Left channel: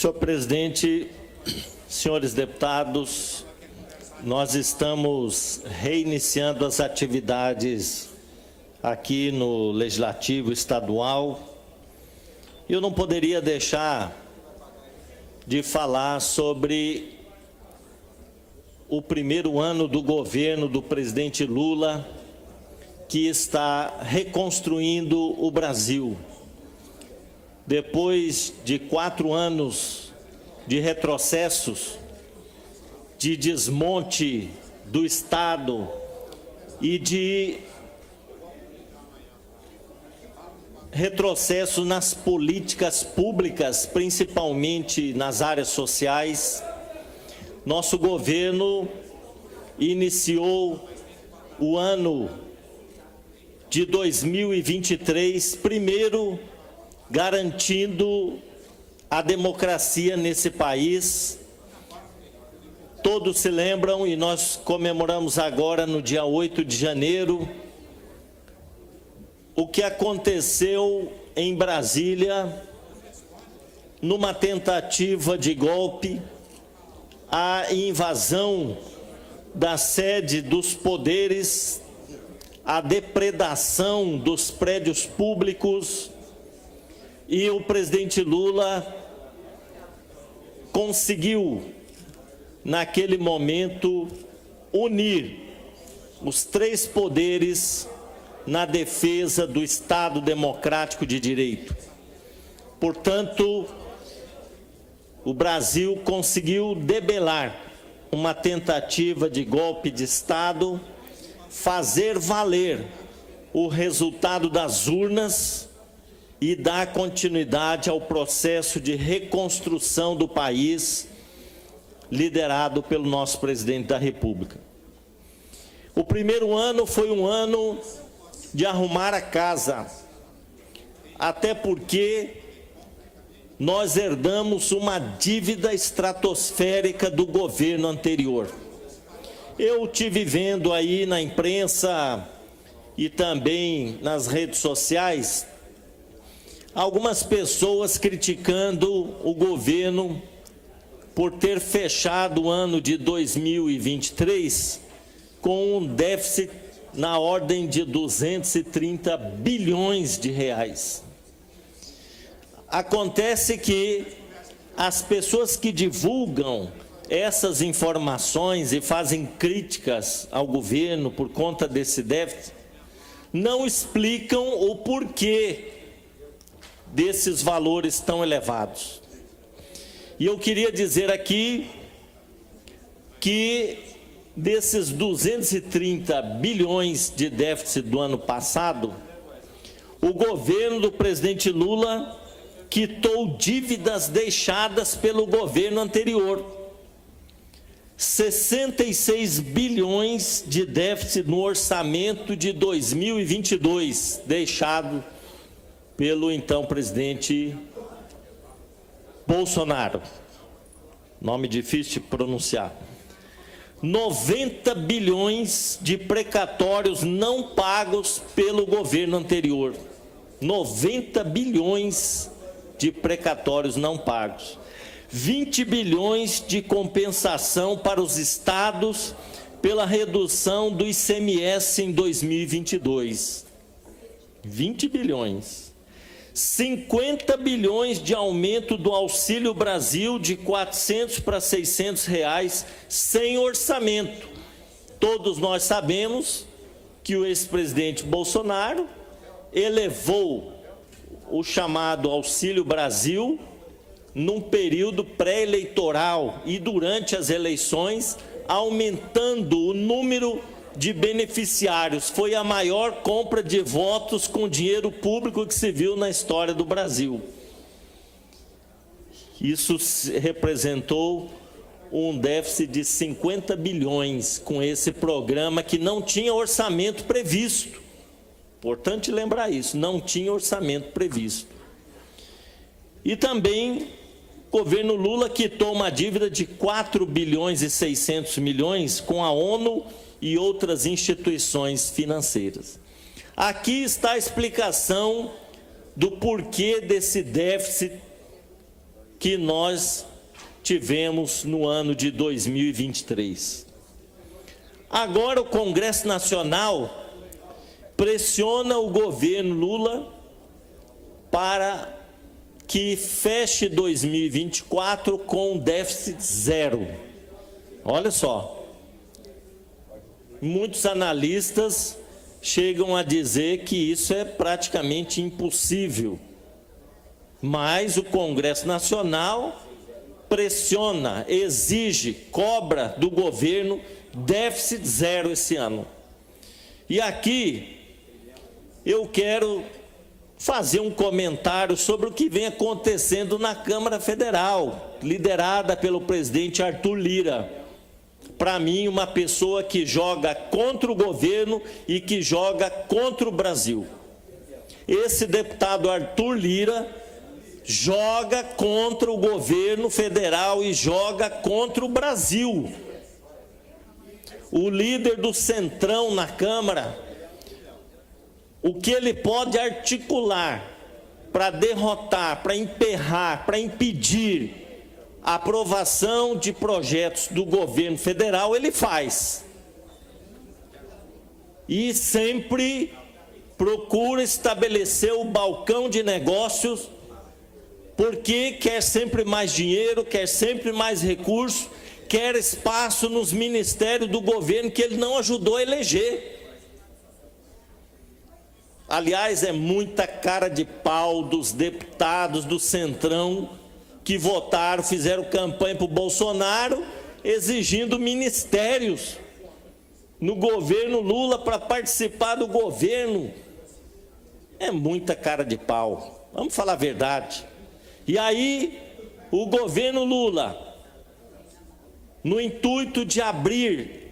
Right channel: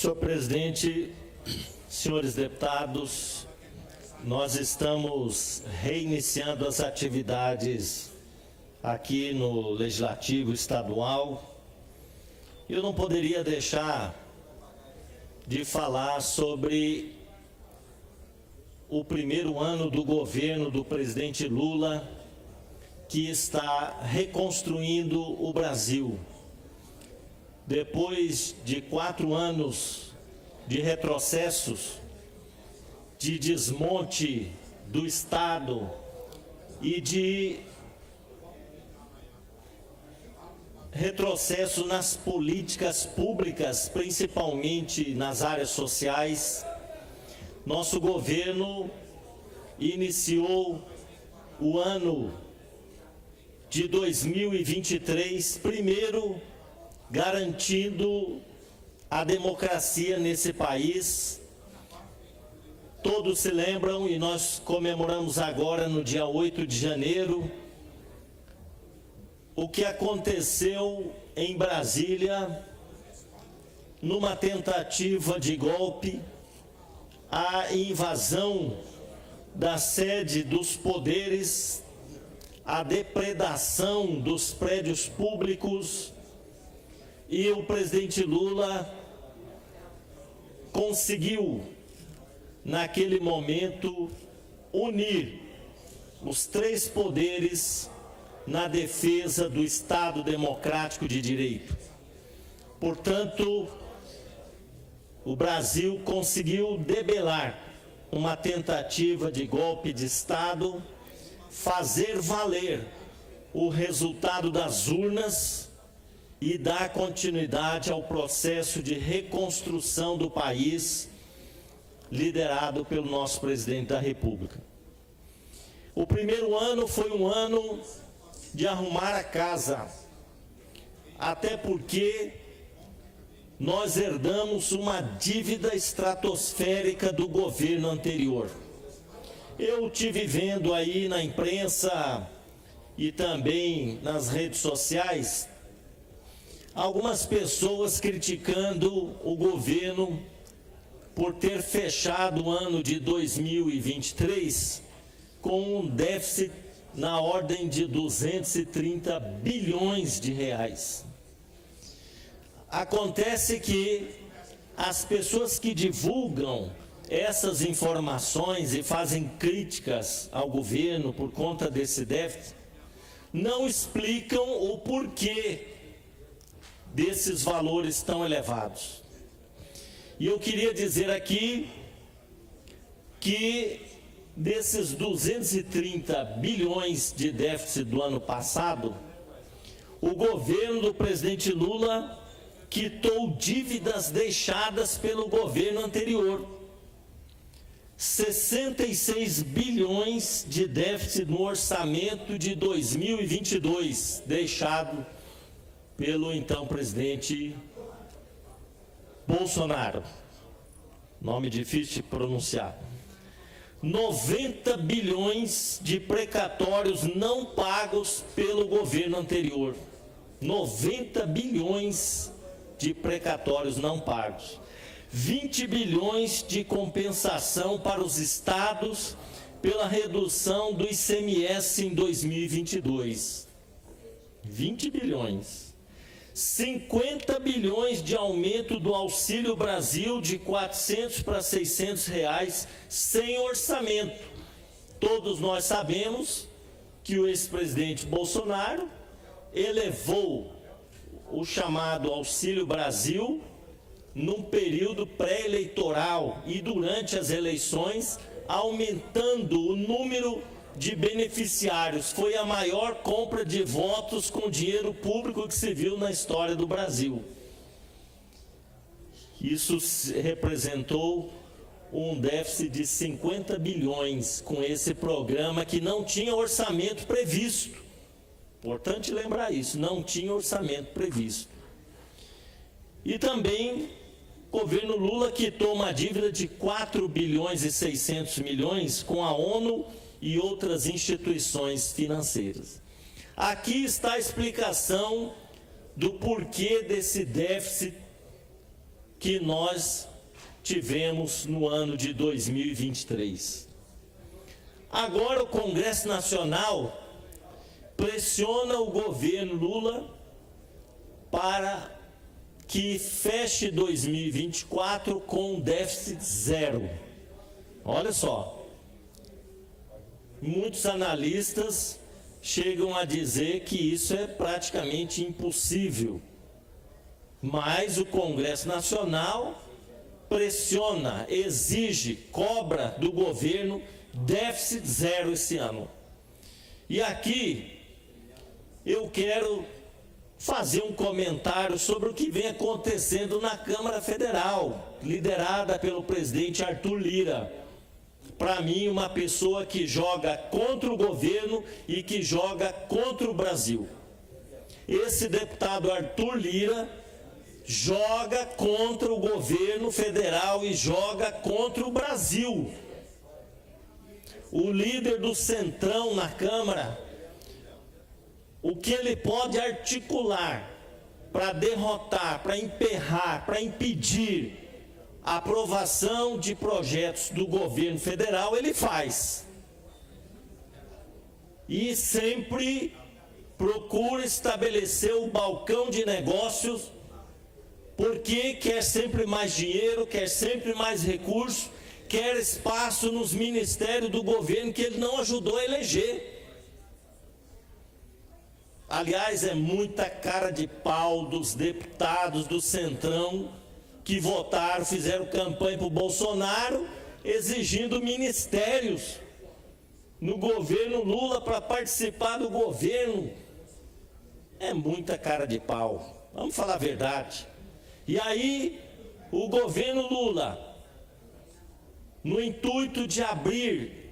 Senhor presidente, senhores deputados, nós estamos reiniciando as atividades aqui no Legislativo Estadual. Eu não poderia deixar de falar sobre o primeiro ano do governo do presidente Lula, que está reconstruindo o Brasil. Depois de 4 anos de retrocessos, de desmonte do Estado e de retrocesso nas políticas públicas, principalmente nas áreas sociais, nosso governo iniciou o ano de 2023, primeiro garantindo a democracia nesse país. Todos se lembram, e nós comemoramos agora no dia 8 de janeiro, o que aconteceu em Brasília, numa tentativa de golpe, a invasão da sede dos poderes, a depredação dos prédios públicos, e o presidente Lula conseguiu, naquele momento, unir os 3 poderes na defesa do Estado Democrático de Direito. Portanto, o Brasil conseguiu debelar uma tentativa de golpe de Estado, fazer valer o resultado das urnas e dar continuidade ao processo de reconstrução do país, liderado pelo nosso presidente da República. O primeiro ano foi um ano de arrumar a casa, até porque nós herdamos uma dívida estratosférica do governo anterior. Eu tive vendo aí na imprensa e também nas redes sociais algumas pessoas criticando o governo por ter fechado o ano de 2023 com um déficit na ordem de 230 bilhões de reais. Acontece que as pessoas que divulgam essas informações e fazem críticas ao governo por conta desse déficit não explicam o porquê desses valores tão elevados. E eu queria dizer aqui que desses 230 bilhões de déficit do ano passado, o governo do presidente Lula quitou dívidas deixadas pelo governo anterior. 66 bilhões de déficit no orçamento de 2022, deixado pelo então presidente Bolsonaro. Nome difícil de pronunciar. 90 bilhões de precatórios não pagos pelo governo anterior. 90 bilhões de precatórios não pagos. 20 bilhões de compensação para os estados pela redução do ICMS em 2022. 20 bilhões. 50 bilhões de aumento do Auxílio Brasil de 400 para 600 reais sem orçamento. Todos nós sabemos que o ex-presidente Bolsonaro elevou o chamado Auxílio Brasil num período pré-eleitoral e durante as eleições, aumentando o número de beneficiários. Foi a maior compra de votos com dinheiro público que se viu na história do Brasil. Isso representou um déficit de 50 bilhões com esse programa que não tinha orçamento previsto. Importante lembrar isso, não tinha orçamento previsto. E também o governo Lula quitou uma dívida de 4 bilhões e 600 milhões com a ONU e outras instituições financeiras. Aqui está a explicação do porquê desse déficit que nós tivemos no ano de 2023. Agora o Congresso Nacional pressiona o governo Lula para que feche 2024 com déficit zero. Olha só, muitos analistas chegam a dizer que isso é praticamente impossível, mas o Congresso Nacional pressiona, exige, cobra do governo déficit zero esse ano. E aqui eu quero fazer um comentário sobre o que vem acontecendo na Câmara Federal, liderada pelo presidente Arthur Lira. Para mim, uma pessoa que joga contra o governo e que joga contra o Brasil. Esse deputado Arthur Lira joga contra o governo federal e joga contra o Brasil. O líder do Centrão na Câmara, o que ele pode articular para derrotar, para emperrar, para impedir a aprovação de projetos do governo federal, ele faz. E sempre procura estabelecer o balcão de negócios, porque quer sempre mais dinheiro, quer sempre mais recursos, quer espaço nos ministérios do governo que ele não ajudou a eleger. Aliás, é muita cara de pau dos deputados do Centrão que votaram, fizeram campanha para o Bolsonaro, exigindo ministérios no governo Lula para participar do governo. É muita cara de pau, vamos falar a verdade. E aí, o governo Lula, no intuito de abrir,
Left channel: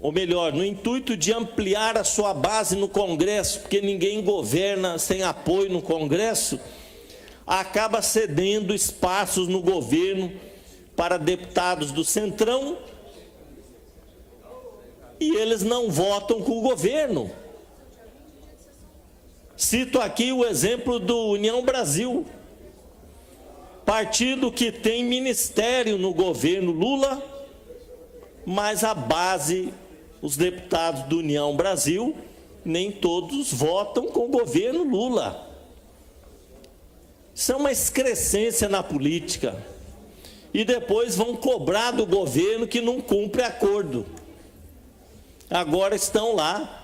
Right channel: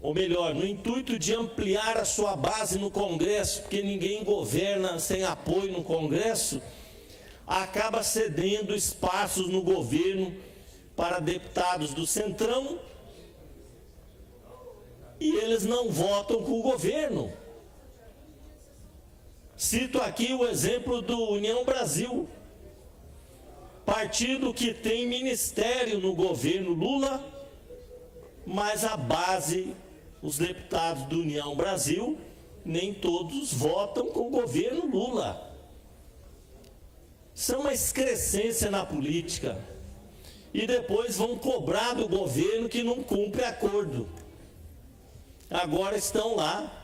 ou melhor, no intuito de ampliar a sua base no Congresso, porque ninguém governa sem apoio no Congresso, acaba cedendo espaços no governo para deputados do Centrão e eles não votam com o governo. Cito aqui o exemplo do União Brasil, partido que tem ministério no governo Lula, mas a base, os deputados do União Brasil, nem todos votam com o governo Lula. Isso é uma excrescência na política. E depois vão cobrar do governo que não cumpre acordo. Agora estão lá,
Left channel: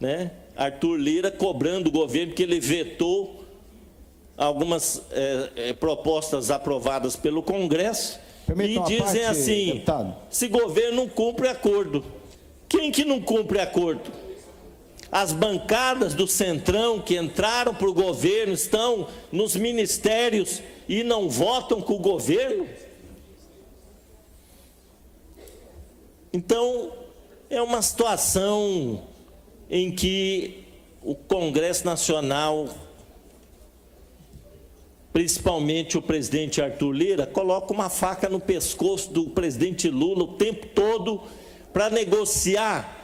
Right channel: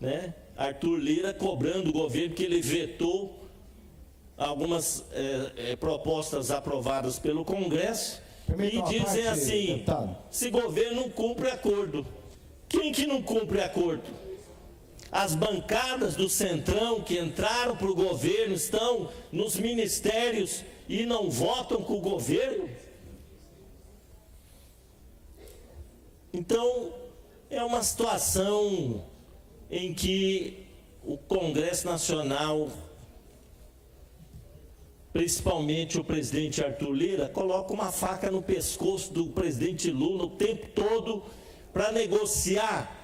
né? Arthur Lira cobrando o governo que ele vetou algumas propostas aprovadas pelo Congresso. E dizem assim, deputado, se governo não cumpre acordo. Quem que não cumpre acordo? As bancadas do Centrão que entraram para o governo estão nos ministérios e não votam com o governo? Então, é uma situação em que o Congresso Nacional, principalmente o presidente Arthur Lira, coloca uma faca no pescoço do presidente Lula o tempo todo para negociar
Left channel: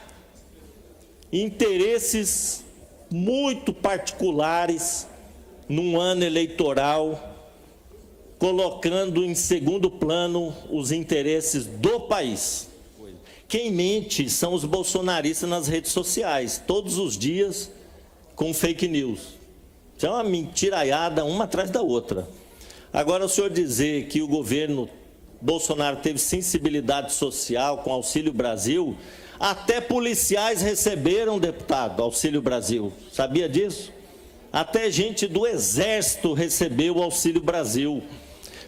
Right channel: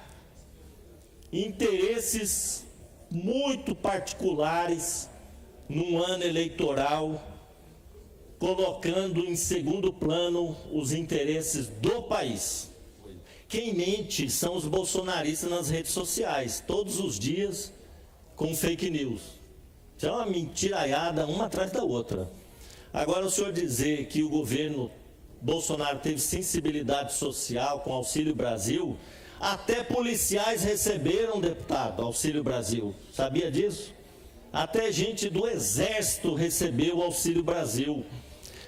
interesses muito particulares num ano eleitoral, colocando em segundo plano os interesses do país. Quem mente são os bolsonaristas nas redes sociais, todos os dias com fake news. Isso é uma mentiraiada uma atrás da outra. Agora, o senhor dizer que o governo Bolsonaro teve sensibilidade social com Auxílio Brasil, até policiais receberam, deputado, Auxílio Brasil. Sabia disso? Até gente do Exército recebeu o Auxílio Brasil.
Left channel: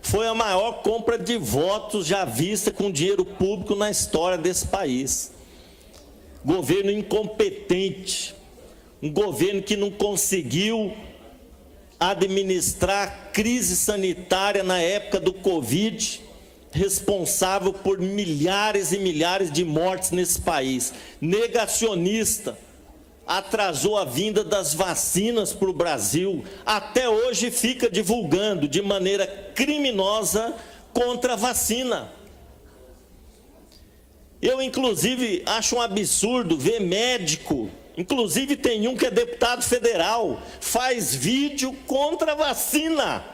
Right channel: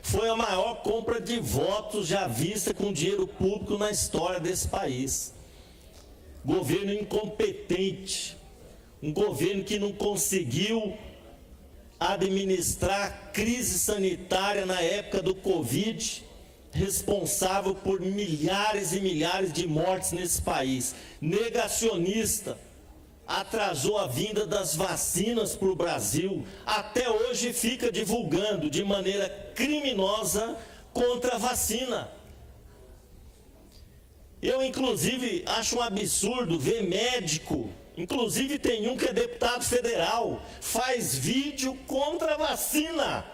Foi a maior compra de votos já vista com dinheiro público na história desse país. Governo incompetente, um governo que não conseguiu administrar a crise sanitária na época do Covid, responsável por milhares e milhares de mortes nesse país. Negacionista, atrasou a vinda das vacinas para o Brasil, até hoje fica divulgando de maneira criminosa contra a vacina. Eu, inclusive, acho um absurdo ver médico, inclusive tem um que é deputado federal, faz vídeo contra a vacina.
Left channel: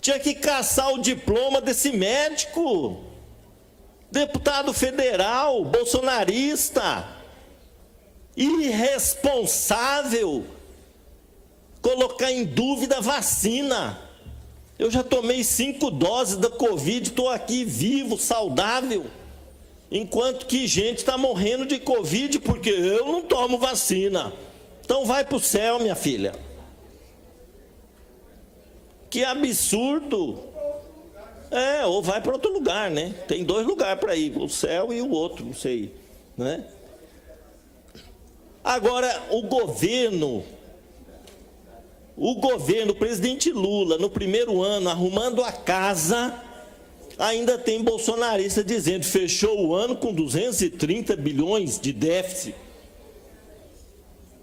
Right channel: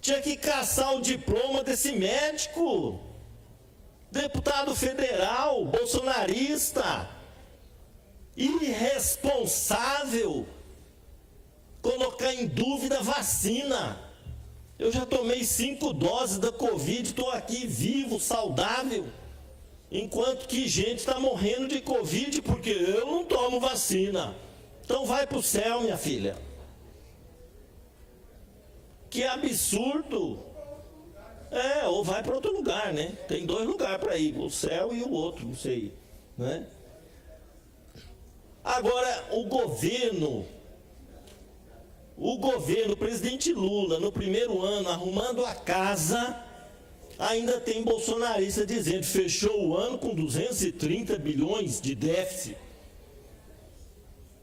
Tinha que caçar o diploma desse médico. Deputado federal, bolsonarista, irresponsável, colocar em dúvida a vacina. Eu já tomei 5 doses da Covid, estou aqui vivo, saudável, enquanto que gente está morrendo de Covid porque eu não tomo vacina. Então vai para o céu, minha filha. Que absurdo. Ou vai para outro lugar, né? Tem 2 lugares para ir, o céu e o outro, não sei, né? Agora, o governo, o presidente Lula, no primeiro ano, arrumando a casa, ainda tem bolsonarista dizendo, fechou o ano com 230 bilhões de déficit.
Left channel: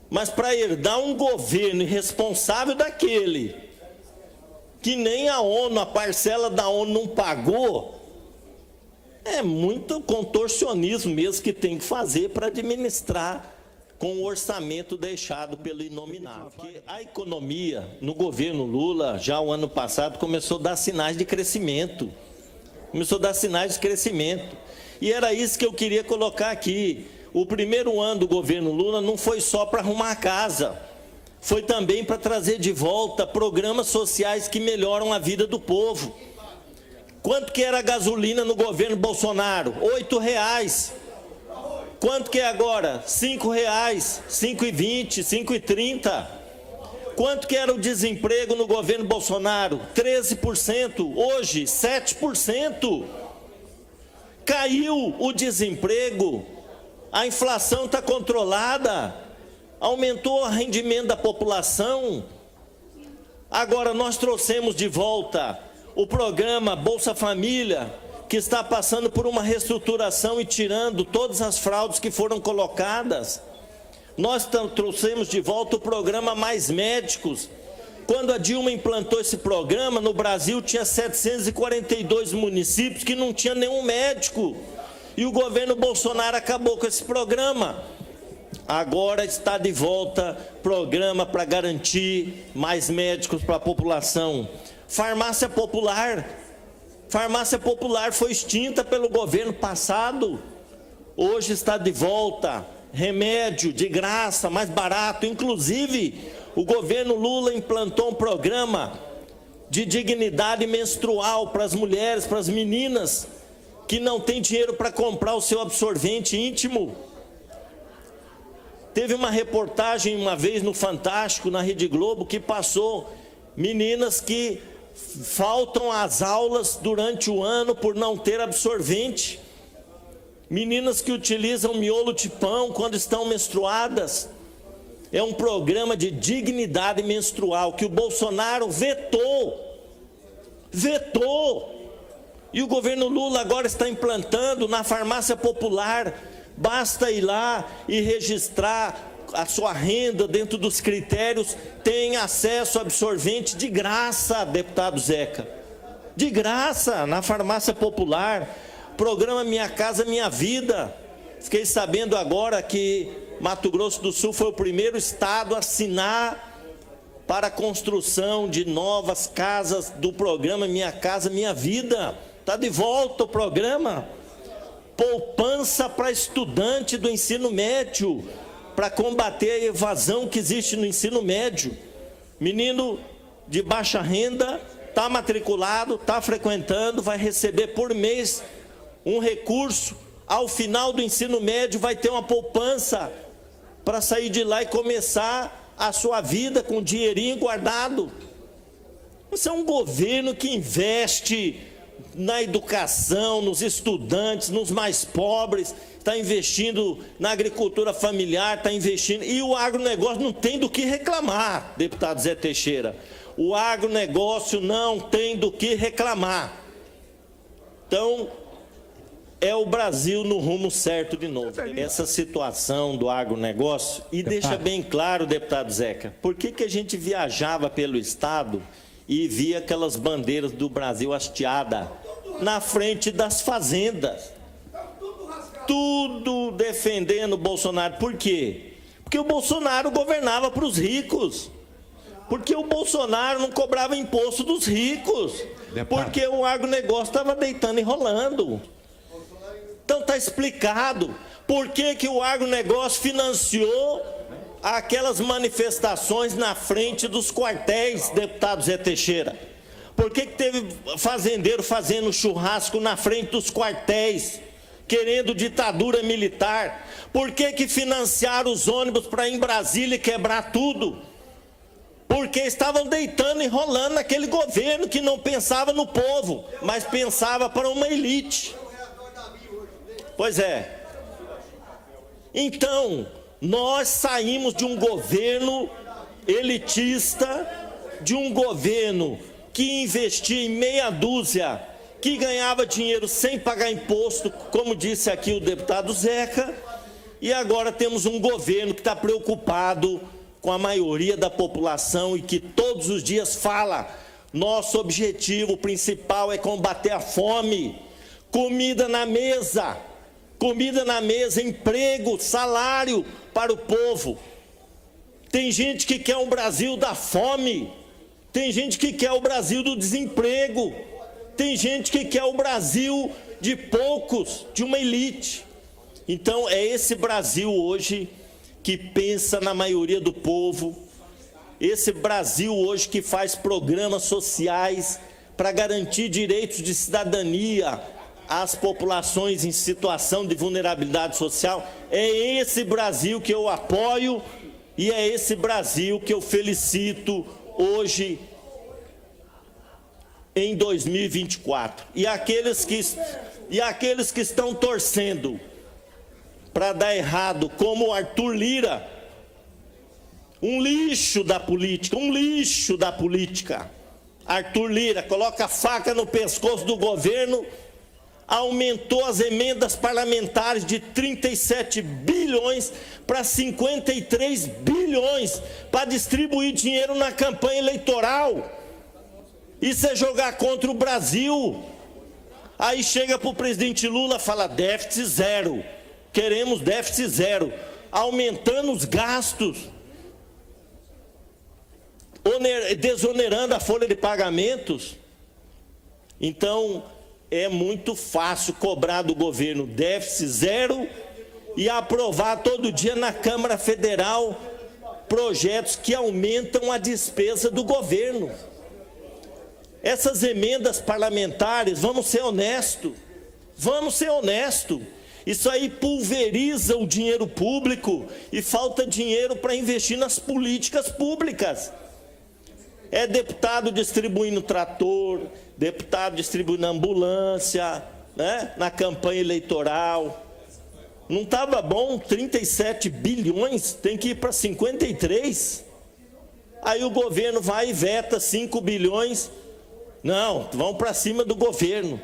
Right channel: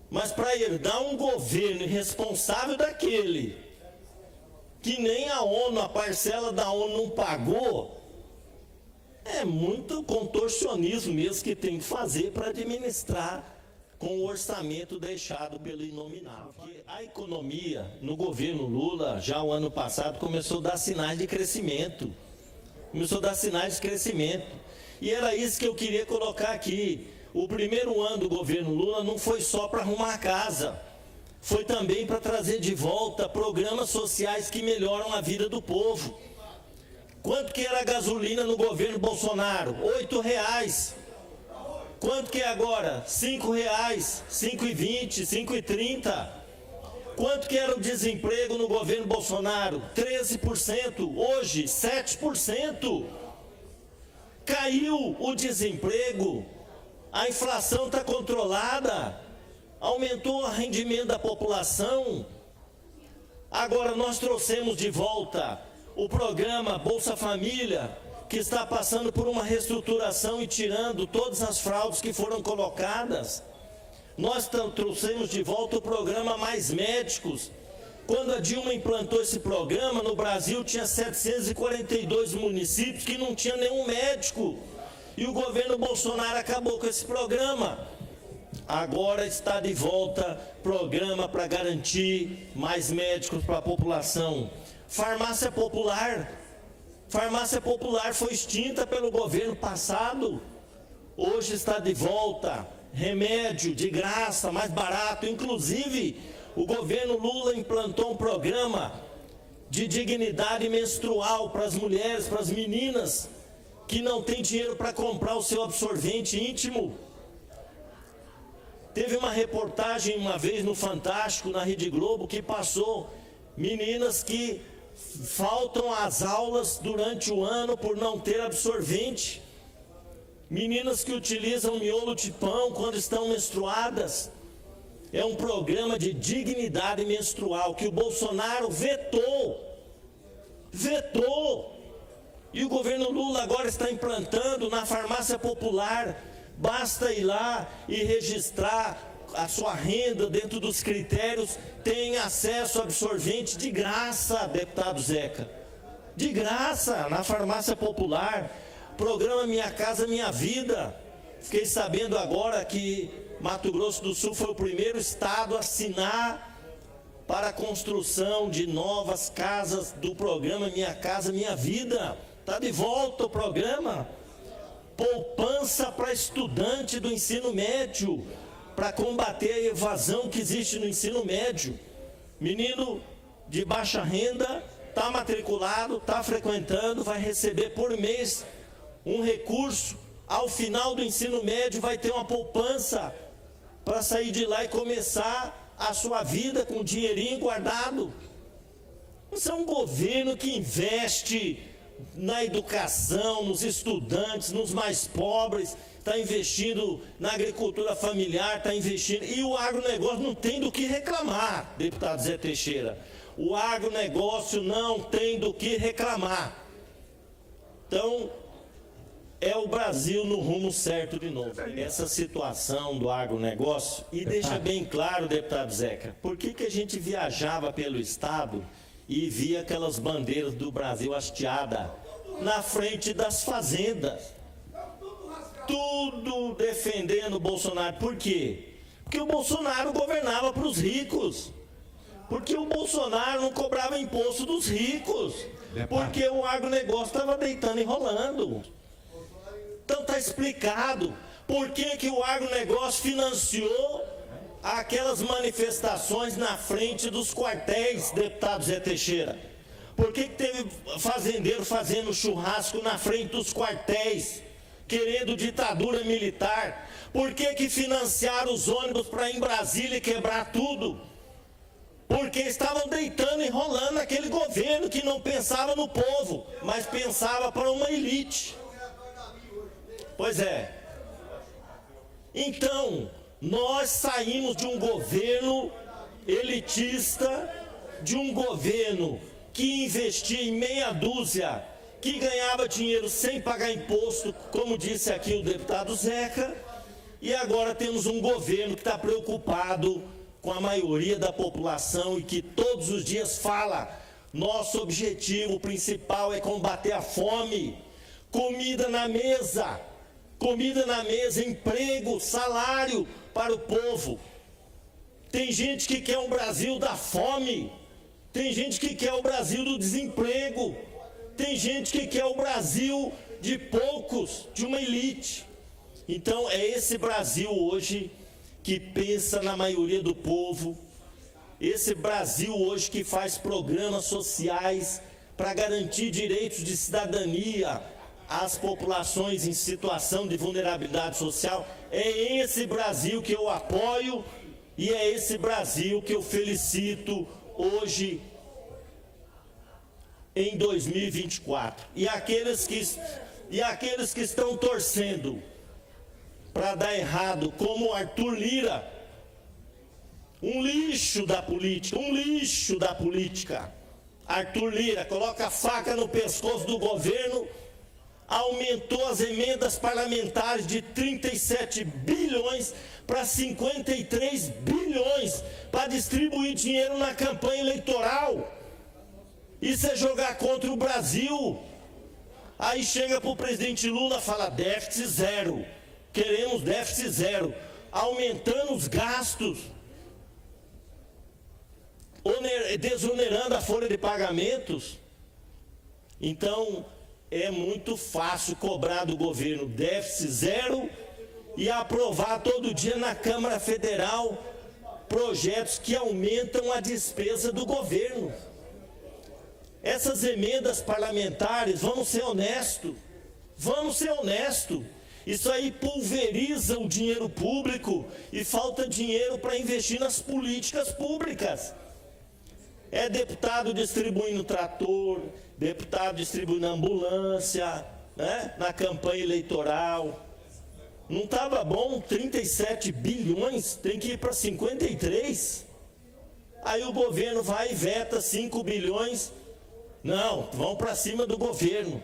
Mas para herdar um governo irresponsável daquele, que nem a ONU, a parcela da ONU não pagou, é muito contorcionismo mesmo que tem que fazer para administrar com o orçamento deixado pelo inominável. Porque a economia no governo Lula, já o ano passado, começou a dar sinais de crescimento. E era isso que eu queria colocar aqui. O primeiro ano do governo Lula não foi só para arrumar a casa. Foi também para trazer de volta programas sociais que melhoram a vida do povo. Quanto que era a gasolina no governo Bolsonaro? R$8. Quanto que é agora? R$5, R$5,20, R$5,30. Quanto que era o desemprego no governo Bolsonaro? 13%, hoje 7%. Caiu o desemprego, a inflação está controlada, aumentou o rendimento da população. Agora nós trouxemos de volta o programa Bolsa Família, que está passando por uma reestruturação e tirando todas as fraudes que foram colocadas. Nós trouxemos de volta o programa Mais Médicos. Quando a Dilma implantou esse programa, no Brasil tinha 742 municípios que não tinha nenhum médico. E o governo Bolsonaro acabou com esse programa. Agora está de volta programa para garantir mais médicos para a população. Farmácia Popular foi extinta pelo governo passado. Hoje está de volta. Remédio de graça, mais barato. Inclusive, o governo Lula implantou um programa de dignidade menstrual para as mulheres, para as meninas que não têm dinheiro para comprar o seu absorvente íntimo. Teve uma reportagem uma vez no Fantástico, na Rede Globo, que passou meninas que faltam às aulas durante o ano por não ter absorvente. Meninas que utilizam miolo de pão quando estão menstruadas. É um programa de dignidade menstrual que o Bolsonaro vetou. E o governo Lula agora está implantando na farmácia popular. Basta ir lá e registrar a sua renda dentro dos critérios, tem acesso a absorvente de graça, deputado Zeca. De graça, na farmácia popular. Programa Minha Casa Minha Vida. Fiquei sabendo agora que Mato Grosso do Sul foi o primeiro estado a assinar para a construção de novas casas do programa Minha Casa Minha Vida. Está de volta o programa. Poupança para estudante do ensino médio, para combater a evasão que existe no ensino médio. Menino de baixa renda, está matriculado, está frequentando, vai receber por mês um recurso. Ao final do ensino médio vai ter uma poupança para sair de lá e começar a sua vida com dinheirinho guardado. Isso é um governo que investe na educação, nos estudantes, nos mais pobres, está investindo na agricultura familiar, está investindo, e o agronegócio não tem do que reclamar, deputado Zé Teixeira. O agronegócio não tem do que reclamar. Então, é o Brasil no rumo certo de novo. Essa situação do agronegócio, e deixa bem claro, deputado Zeca, por que a gente viajava pelo estado e via aquelas bandeiras do Brasil hasteadas na frente das fazendas? Tudo defendendo o Bolsonaro. Por quê? Porque o Bolsonaro governava para os ricos. Porque o Bolsonaro não cobrava imposto dos ricos. Porque o agronegócio estava deitando e rolando. Então está explicado por que o agronegócio financiou aquelas manifestações na frente dos quartéis, deputado Zé Teixeira. Por que teve fazendeiro fazendo churrasco na frente dos quartéis, querendo ditadura militar? Por que financiaram os ônibus para ir em Brasília e quebrar tudo? Porque estavam deitando e rolando naquele governo que não pensava no povo, mas pensava para uma elite. Pois é. Então, nós saímos de um governo elitista, de um governo que investia em meia dúzia, que ganhava dinheiro sem pagar imposto, como disse aqui o deputado Zeca, e agora temos um governo que está preocupado com a maioria da população e que todos os dias fala: nosso objetivo principal é combater a fome, comida na mesa, emprego, salário para o povo. Tem gente que quer um Brasil da fome, tem gente que quer o Brasil do desemprego, tem gente que quer o Brasil de poucos, de uma elite. Então é esse Brasil hoje que pensa na maioria do povo, esse Brasil hoje que faz programas sociais para garantir direitos de cidadania às populações em situação de vulnerabilidade social. É esse Brasil que eu apoio e é esse Brasil que eu felicito hoje em 2024. E aqueles que estão torcendo para dar errado, como o Arthur Lira, um lixo da política, Arthur Lira coloca a faca no pescoço do governo, aumentou as emendas parlamentares de 37 bilhões para 53 bilhões para distribuir dinheiro na campanha eleitoral. Isso é jogar contra o Brasil. Aí chega para o presidente Lula e fala: déficit zero, queremos déficit zero, aumentando os gastos, desonerando a folha de pagamentos. Então é muito fácil cobrar do governo déficit zero e aprovar todo dia na Câmara Federal projetos que aumentam a despesa do governo. Essas emendas parlamentares, vamos ser honestos, isso aí pulveriza o dinheiro público e falta dinheiro para investir nas políticas públicas. É deputado distribuindo trator, deputado distribuindo ambulância, né, na campanha eleitoral. Não estava bom 37 bilhões, tem que ir para 53. Aí o governo vai e veta 5 bilhões. Não, vão para cima do governo.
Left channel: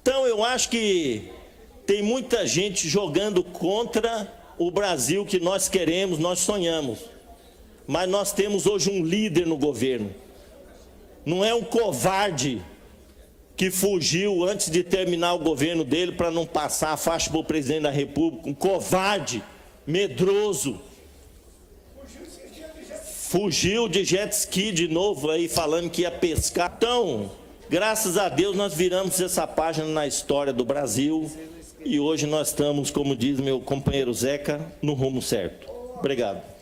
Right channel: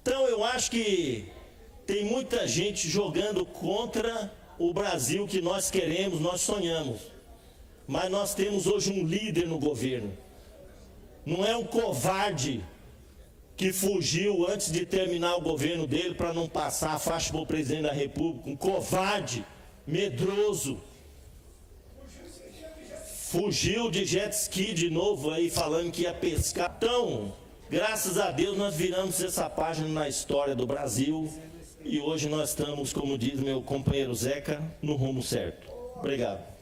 Então eu acho que tem muita gente jogando contra o Brasil que nós queremos, nós sonhamos. Mas nós temos hoje um líder no governo. Não é um covarde que fugiu antes de terminar o governo dele para não passar a faixa para o presidente da República. Um covarde, medroso. Fugiu de jet ski de novo aí, falando que ia pescar. Então, graças a Deus, nós viramos essa página na história do Brasil. E hoje nós estamos, como diz meu companheiro Zeca, no rumo certo. Obrigado.